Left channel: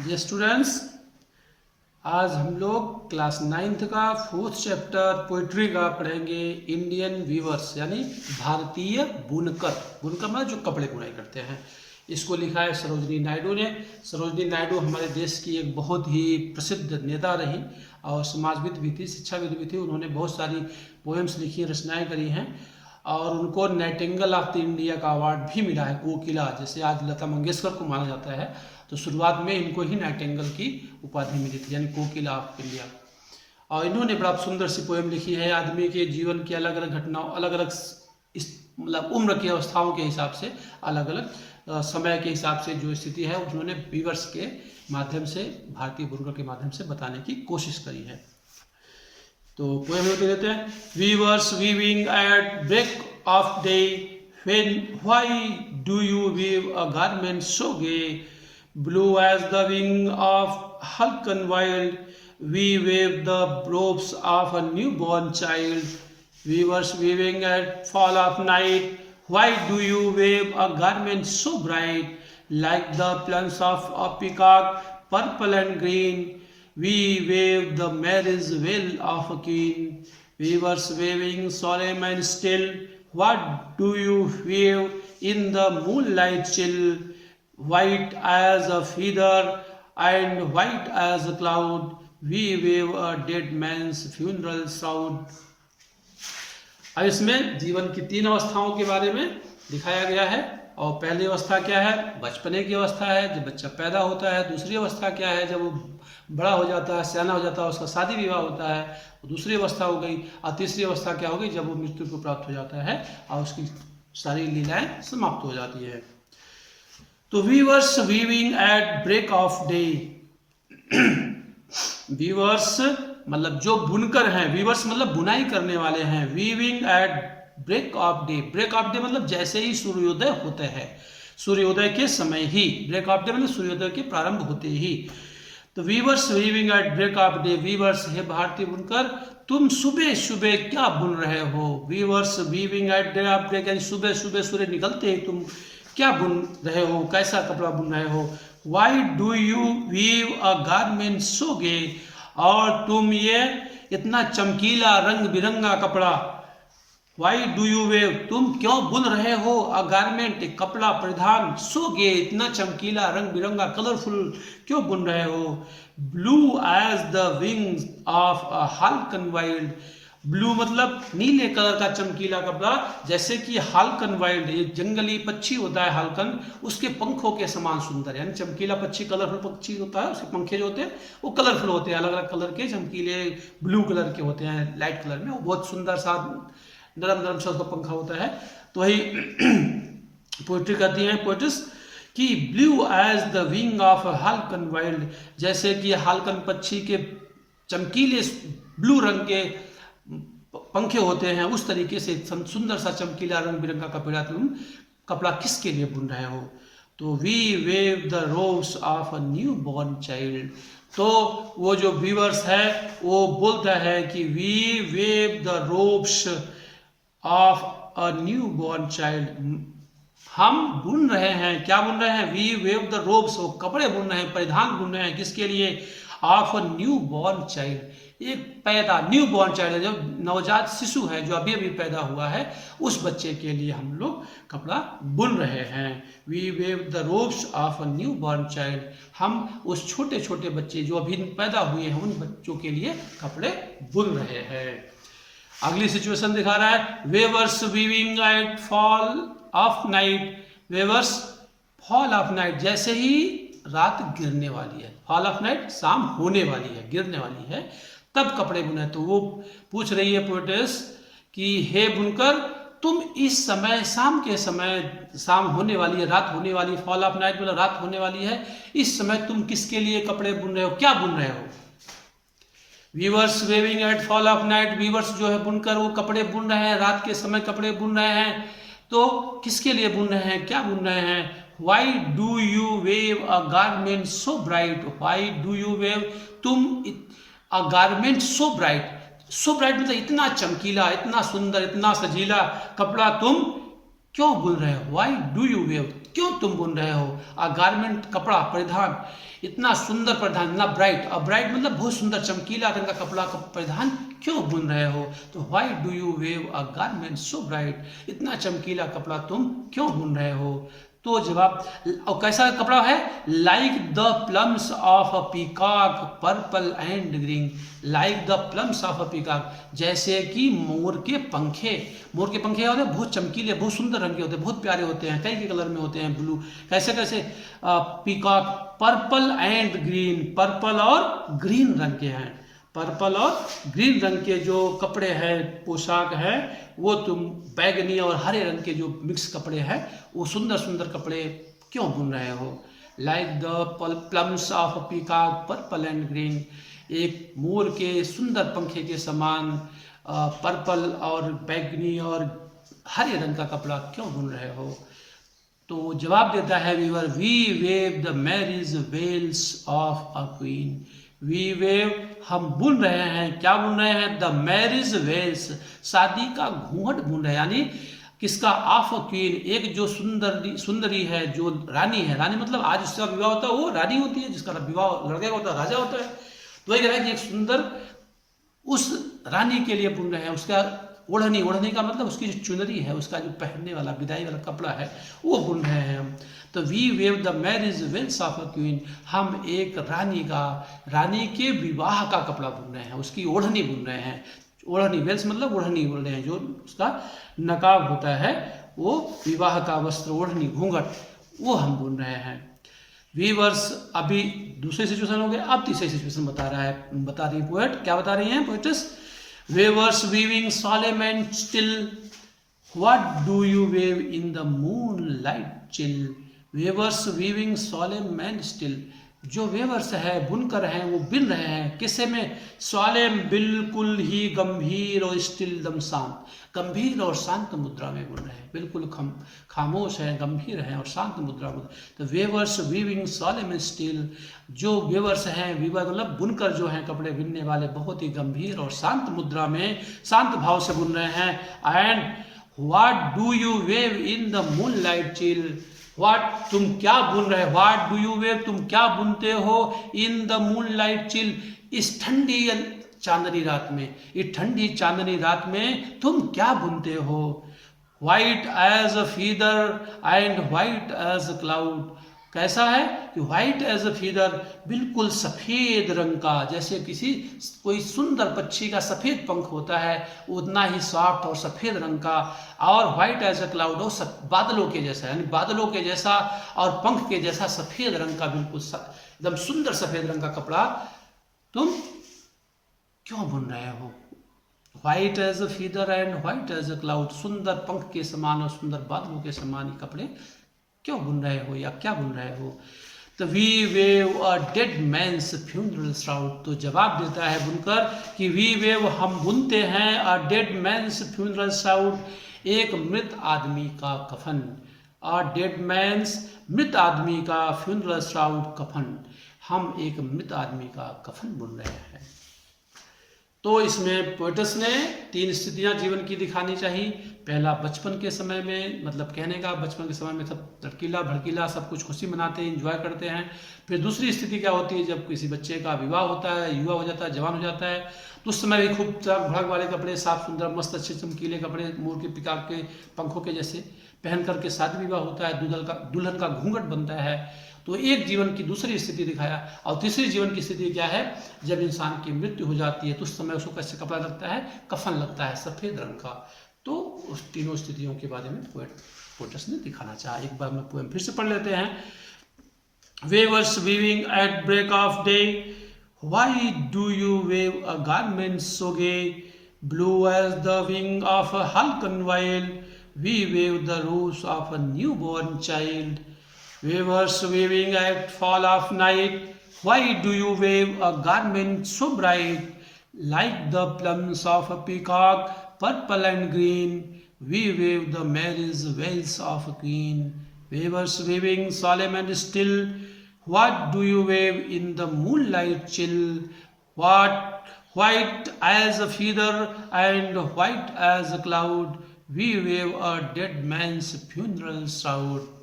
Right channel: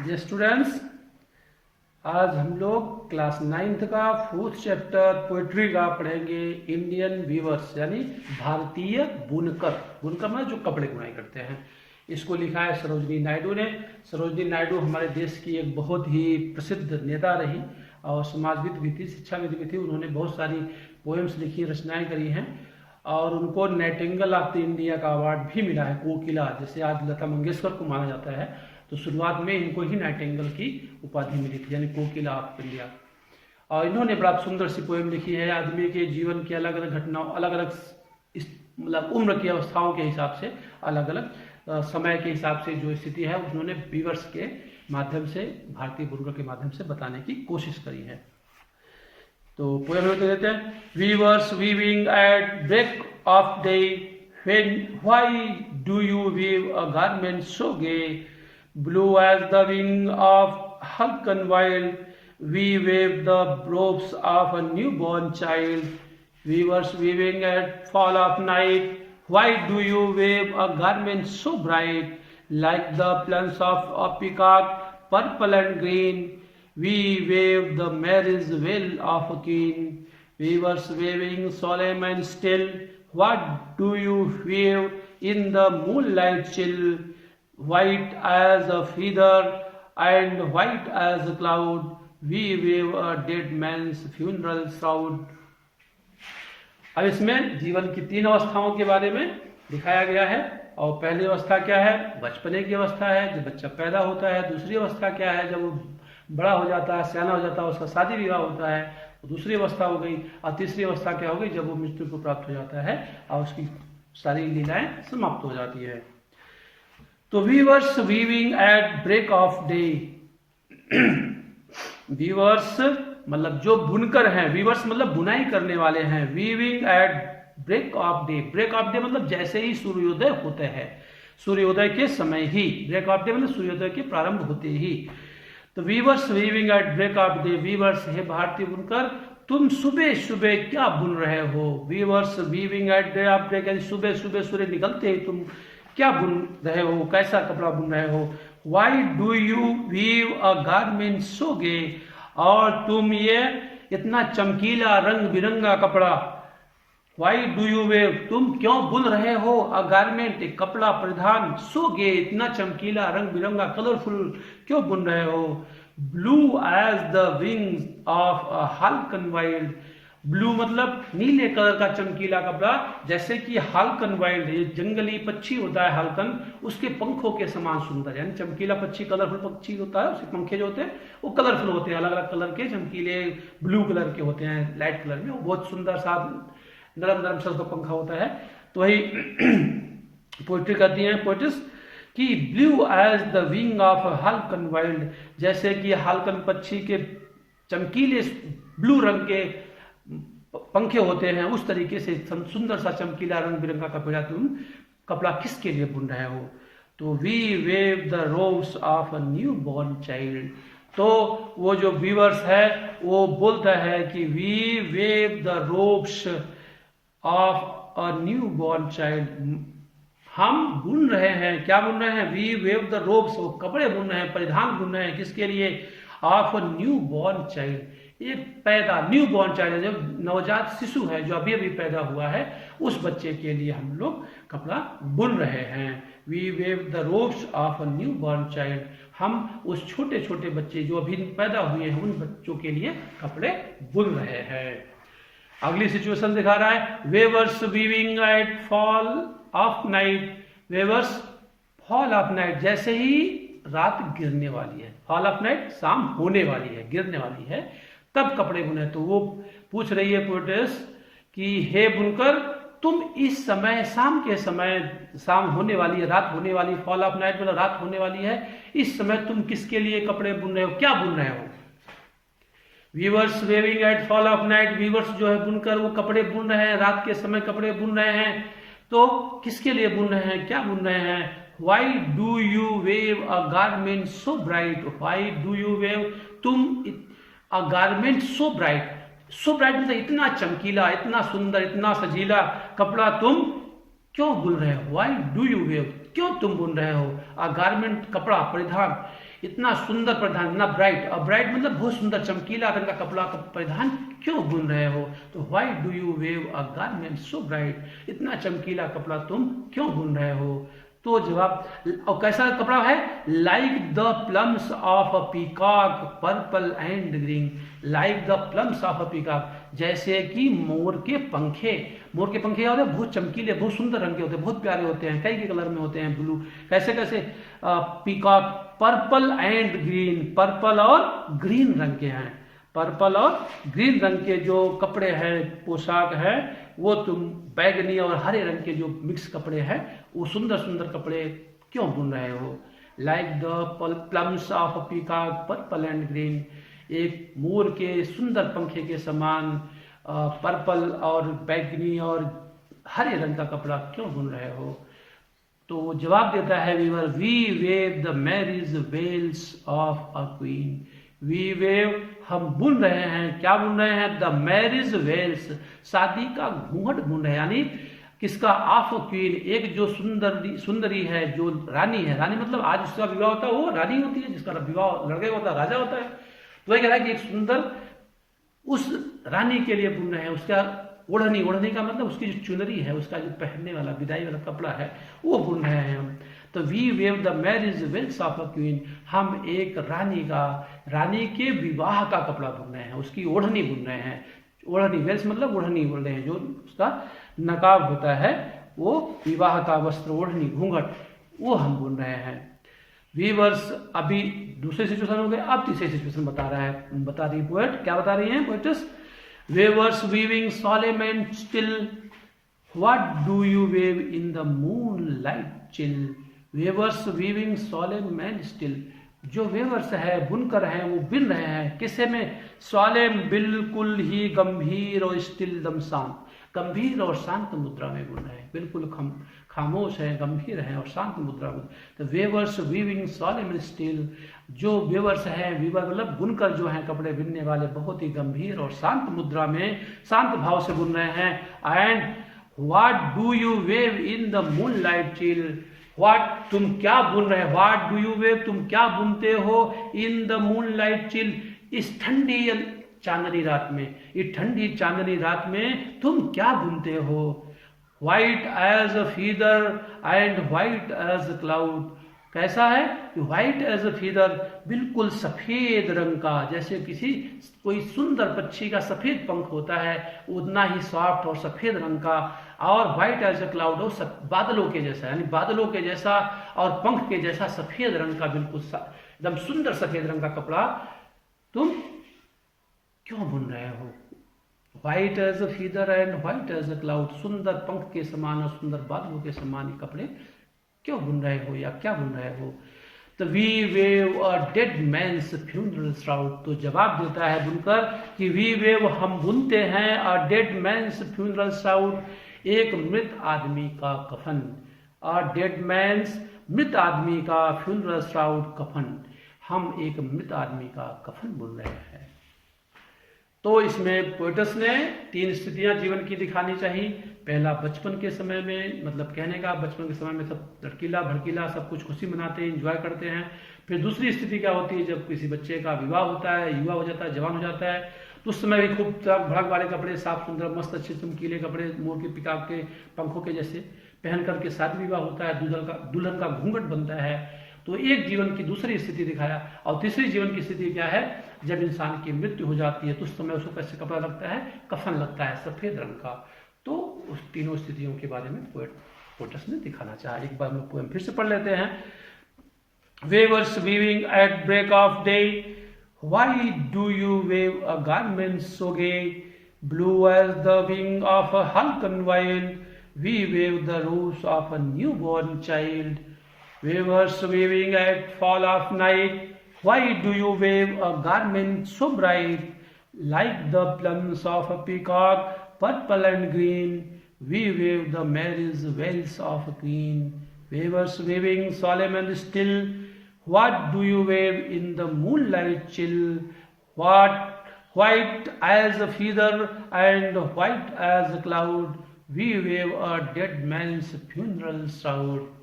Dear students, आज हम लोग क्लास 9th का 4th चैप्टर पोइट्री का पढ़ेंगे। इंडियन वीवर्स यानी भारतीय बुनकर। बुनकर मतलब जो कपड़े बुनाई करते हैं। इसको लिखा है सरोजनी नायडू ने। सरोजनी नायडू हमारे देश की एक बहुत ही प्रसिद्ध नेता रही और समाजविद भी थी, शिक्षाविद भी थी। उन्होंने बहुत सारी पोएम्स लिखी, रचनाएं करी हैं और उनको नाइटिंगेल ऑफ द इंडिया का अवार्ड भी मिला है। कोकिला, जैसे आज लता मंगेशकर को माना जाता है, तो शुरुआत में इनको ही नाइटिंगेल की उपाधि मिली थी, यानी कोकिला ऑफ इंडिया। और इन्होंने बड़ा सुंदर सी पोएम लिखी है। आदमी के जीवन की अलग अलग घटनाओं, अलग अलग मतलब उम्र की अवस्थाओं के हिसाब से, अलग अलग समय के हिसाब से जो स्थिति है उन्होंने वीवर्स के माध्यम से, भारतीय बुनकर के माध्यम से बताने की कोशिश करी है। तो पोएम लिख देते हैं। Weavers weaving at break of day, why do you weave a garment so gay, blue as the wing of Hulk and wild, we wave the robes of a newborn child. Weavers weaving at fall of night, why do you wave a garment so bright, like the plumes of a peacock, purple and green? We wave the marriage veil of a king. Weavers waving solemn and still, what do you wave in the moonlight chill? White as a feather and white as a cloud, we wave a dead man's funeral shroud. अब इसमें जीवन की 3 अवस्थाओं के बारे में दिखाया गया है। और पहली अवस्था क्या है? बचपने की अवस्था है, जब बच्चा पैदा होता है। दूसरी अवस्था क्या है? जब वो बड़ा हो जाता है, सियाना हो जाता है, उसका शादी विवाह होता है, वो दूसरी अवस्था हो गई। और तीसरी अवस्था क्या हो गई? जब वो मृत्यु को प्राप्त हो जाता है और उसकी सारी लीलाएं समाप्त हो जाती है। तो weavers weaving at break of day. Weavers मतलब जो बुनकर हैं, वीवर्स मतलब बुनाई करने वाले हैं। Weaving at break of day. Break of day मतलब जैसे ही सूर्योदय होते हैं, सूर्योदय के समय ही। ब्रेक ऑफ डे मतलब सूर्योदय के प्रारंभ होते ही। तो weavers weaving at break of day. Weavers है भारतीय बुनकर, तुम सुबह सुबह क्या बुन रहे हो? Weavers weaving at day of break यानी सुबह सुबह सूर्य निकलते ही तुम क्या बुन रहे हो, कैसा कपड़ा बुन रहे हो? Why do you weave a garment so gay, और तुम ये इतना चमकीला रंग बिरंगा कपड़ा, वाई डू यू वेव तुम क्यों बुन रहे हो? अ गारमेंट एक कपड़ा परिधान, सो गे इतना चमकीला रंग बिरंगा कलरफुल क्यों बुन रहे हो? Blue as the wings of a halcyon wild. Blue मतलब नीले कलर का चमकीला कपड़ा, जैसे कि हाल्कन वाइल्ड, ये जंगली पक्षी होता है हाल्कन, उसके पंखों के समान सुंदर। यानी चमकीला पक्षी, कलरफुल पक्षी होता है, उसके पंखे जो होते हैं वो कलरफुल होते हैं, अलग अलग कलर के चमकीले ब्लू कलर के होते हैं, लाइट कलर में। वो बहुत सुंदर सा नरम नरम सा उसका पंखा होता है। तो वही पोइट्री करती हैं पोइट्स कि blue as the wing of halcyon wild, जैसे कि हाल्कन पक्षी के चमकीले ब्लू रंग के पंखे होते हैं, उस तरीके से सुंदर सा चमकीला रंग बिरंगा कपड़ा तुम कपड़ा किसके लिए बुन रहे हो? तो we weave the robes of a new born child. तो वो जो वीवर्स है वो बोलता है कि we weave the robes of a new born child. हम बुन रहे हैं, क्या बुन रहे हैं? वी वेव द रोब्स, वो कपड़े बुन रहे हैं, परिधान बुन रहे हैं, किसके लिए? Of a new born child, एक पैदा न्यू बॉर्न चाइल्ड, जो नवजात शिशु है, जो अभी अभी पैदा हुआ है, उस बच्चे के लिए हम लोग कपड़ा बुन रहे हैं। We weave the robes of a new born child, हम उस छोटे छोटे बच्चे जो अभी पैदा हुए हैं उन बच्चों के लिए कपड़े बुन रहे हैं। अगली सिचुएशन दिखा रहा है। Weavers weaving at fall of night. Weavers fall of night, जैसे ही रात गिरने वाली है, फॉल ऑफ नाइट शाम होने वाली है, गिरने वाली है, तब कपड़े बुने। तो वो पूछ रही है पोइट्रेस कि हे बुनकर, तुम इस समय, शाम के समय, शाम होने वाली है, रात होने वाली है, फॉल ऑफ नाइट मतलब रात होने वाली है, इस समय तुम किसके लिए कपड़े बुन रहे हो, क्या बुन रहे हो? Weavers weaving at fall of night. Weavers जो है बुनकर, वो कपड़े बुन रहे हैं, रात के समय कपड़े बुन रहे हैं। तो किसके लिए बुन रहे हैं, क्या बुन रहे हैं? Why do you weave a garment so bright. Why do you weave तुम a garment so bright. So bright मतलब इतना चमकीला, इतना सुंदर, इतना सजीला कपड़ा तुम क्यों बुन रहे हो, वाई डू यू वेव, क्यों तुम बुन रहे हो, अ गारमेंट कपड़ा, परिधान, इतना सुंदर परिधान, इतना ब्राइट, और ब्राइट मतलब बहुत सुंदर चमकीला रंग का कपड़ा का परिधान क्यों बुन रहे हो, तो Y do you weave a garment so bright, इतना चमकीला कपड़ा तुम क्यों बुन रहे हो। तो जवाब, और कैसा कपड़ा है, like the plums of a peacock purple and green, like the plums of a peacock, जैसे कि मोर के पंखे, मोर के पंखे होते हैं बहुत चमकीले, बहुत सुंदर रंग के होते हैं, बहुत प्यारे होते हैं, कई के कलर में होते हैं, ब्लू, कैसे कैसे, peacock purple and green, purple और ग्रीन रंग के हैं, पर्पल और ग्रीन रंग के जो कपड़े हैं, पोशाक है, वो तुम बैगनी और हरे रंग के जो मिक्स कपड़े हैं, वो सुंदर सुंदर कपड़े क्यों बुन रहे हो। Like the plums of peacock purple and green, एक मोर के सुंदर पंखे के समान पर्पल और बैगनी और हरे रंग का कपड़ा क्यों बुन रहे हो। तो जवाब देता है weaver, we weave the marriage veils of a queen, we weave, हम बुन रहे हैं, क्या बुन रहे हैं, द मैरिज वेल्स, शादी का घूंघट बुन रहे हैं, यानी किसका, ऑफ क्वीन, एक जो सुंदरी है, जो रानी है, रानी मतलब आज जिसका विवाह होता है वो रानी होती है, जिसका विवाह लड़के का होता है राजा होता है। तो ये कह रहा है कि एक सुंदर उस रानी के लिए बुन रहे हैं, उसका ओढ़नी, ओढ़नी का मतलब उसकी जो चुनरी है, उसका जो पहनने वाला विदाई वाला कपड़ा है, वो बुन रहे हैं हम। तो we weave the marriage veils of a queen, हम एक रानी के विवाह का कपड़ा बुन रहे हैं, उसकी ओढ़नी बुन रहे हैं, ओढ़नी, वेल्स मतलब ओढ़नी बोल रहे हैं, जो उसका नकाब होता है, वो विवाह का वस्त्र, ओढ़नी, घूंघट, वो हम बुन रहे हैं। वीवर्स, अभी दूसरे सिचुएशन हो गए, अब तीसरे सिचुएशन बता रही पोएट, क्या बता रही है poets, weavers weaving solemn and still, what do you wave in the moonlight chill, weavers weaving solemn and still, जो वेवर्स है, बुनकर हैं, वो बिन रहे हैं किससे में, सोलेम, बिल्कुल ही गंभीर और स्टिल, दम शांत, गंभीर और शांत मुद्रा में बुन रहे हैं, बिल्कुल खामोश हैं, गंभीर हैं और शांत मुद्रा में। तो weavers weaving solemn and still, जो वेवर्स हैं, वीवर मतलब बुनकर जो हैं, कपड़े बिनने वाले, बहुत ही गंभीर और शांत मुद्रा में, शांत भाव से बुन रहे हैं। And what do you wave in the moon light chill, what, तुम क्या बुन रहे, व्हाट डू यू वेव, तुम क्या बुनते हो, in the moon light chill, इस ठंडी चांदनी रात में, इस ठंडी चांदनी रात में तुम क्या बुनते हो। White as a feather and white as a cloud, कैसा है कि व्हाइट एज अ फीदर, बिल्कुल सफेद रंग का, जैसे किसी कोई सुंदर पक्षी का सफेद पंख होता है, उतना ही सॉफ्ट और सफेद रंग का, और व्हाइट एज अ क्लाउड, वो बादलों के जैसा, यानी बादलों के जैसा और पंख के जैसा सफेद रंग का, बिल्कुल एकदम सुंदर सफेद रंग का कपड़ा तुम क्यों बुन रहे हो। White as a feather and white as a cloud, सुंदर पंख के समान और सुंदर बादलों के समान ये कपड़े क्यों बुन रहे हो या क्या बुन रहे हो। तो we weave a dead man's funeral shroud, तो जवाब देता है बुनकर कि वी वेव, हम बुनते हैं, a dead man's funeral shroud, एक मृत आदमी का कफन, अ डेड मैन्स, मृत आदमी का, फ्यूनरल श्राउड, कफन, हम एक मृत आदमी का कफन बुन रहे हैं। तो इसमें पोएटस ने 3 स्थितियां जीवन की दिखानी चाहिए। पहला, बचपन के समय में, मतलब कहने का बचपन के समय में सब लड़कीला भड़कीला सब कुछ खुशी मनाते हैं, इंजॉय करते हैं। फिर दूसरी स्थिति क्या होती है, जब किसी बच्चे का विवाह होता है, युवा हो जाता है, जवान हो जाता है, तो उस समय भी खूब चमक भड़क वाले कपड़े, साफ सुंदर मस्त अच्छे चमकीले कपड़े, मोर के पिकाक के पंखों के जैसे पहन करके शादी विवाह होता है, दुल्हन का घूंघट बनता है। तो एक जीवन की दूसरी स्थिति दिखाया। और तीसरी जीवन की स्थिति क्या है, जब इंसान की मृत्यु हो जाती है तो उस समय उसको कैसे कपड़ा लगता है, कफन लगता है सफेद रंग का। तो उस तीनों स्थितियों के बारे में पोएटस ने दिखाना चाहा। एक बार हम लोग पोएम फिर से पढ़ लेते हैं। Weavers weaving at break of day, why do you weave a garment so gay, blue as the wing of a halcyon whale, we wave the rose of a newborn child. Weavers weaving at fall of night, why do you wave a garment so bright, like the plumes of a peacock, purple and green, we wave the marriage veils of a queen. Weavers weaving solemn and still, what do you wave in the moonlight chill, what white as a feather and white as a cloud, we weave a dead man's funeral साउड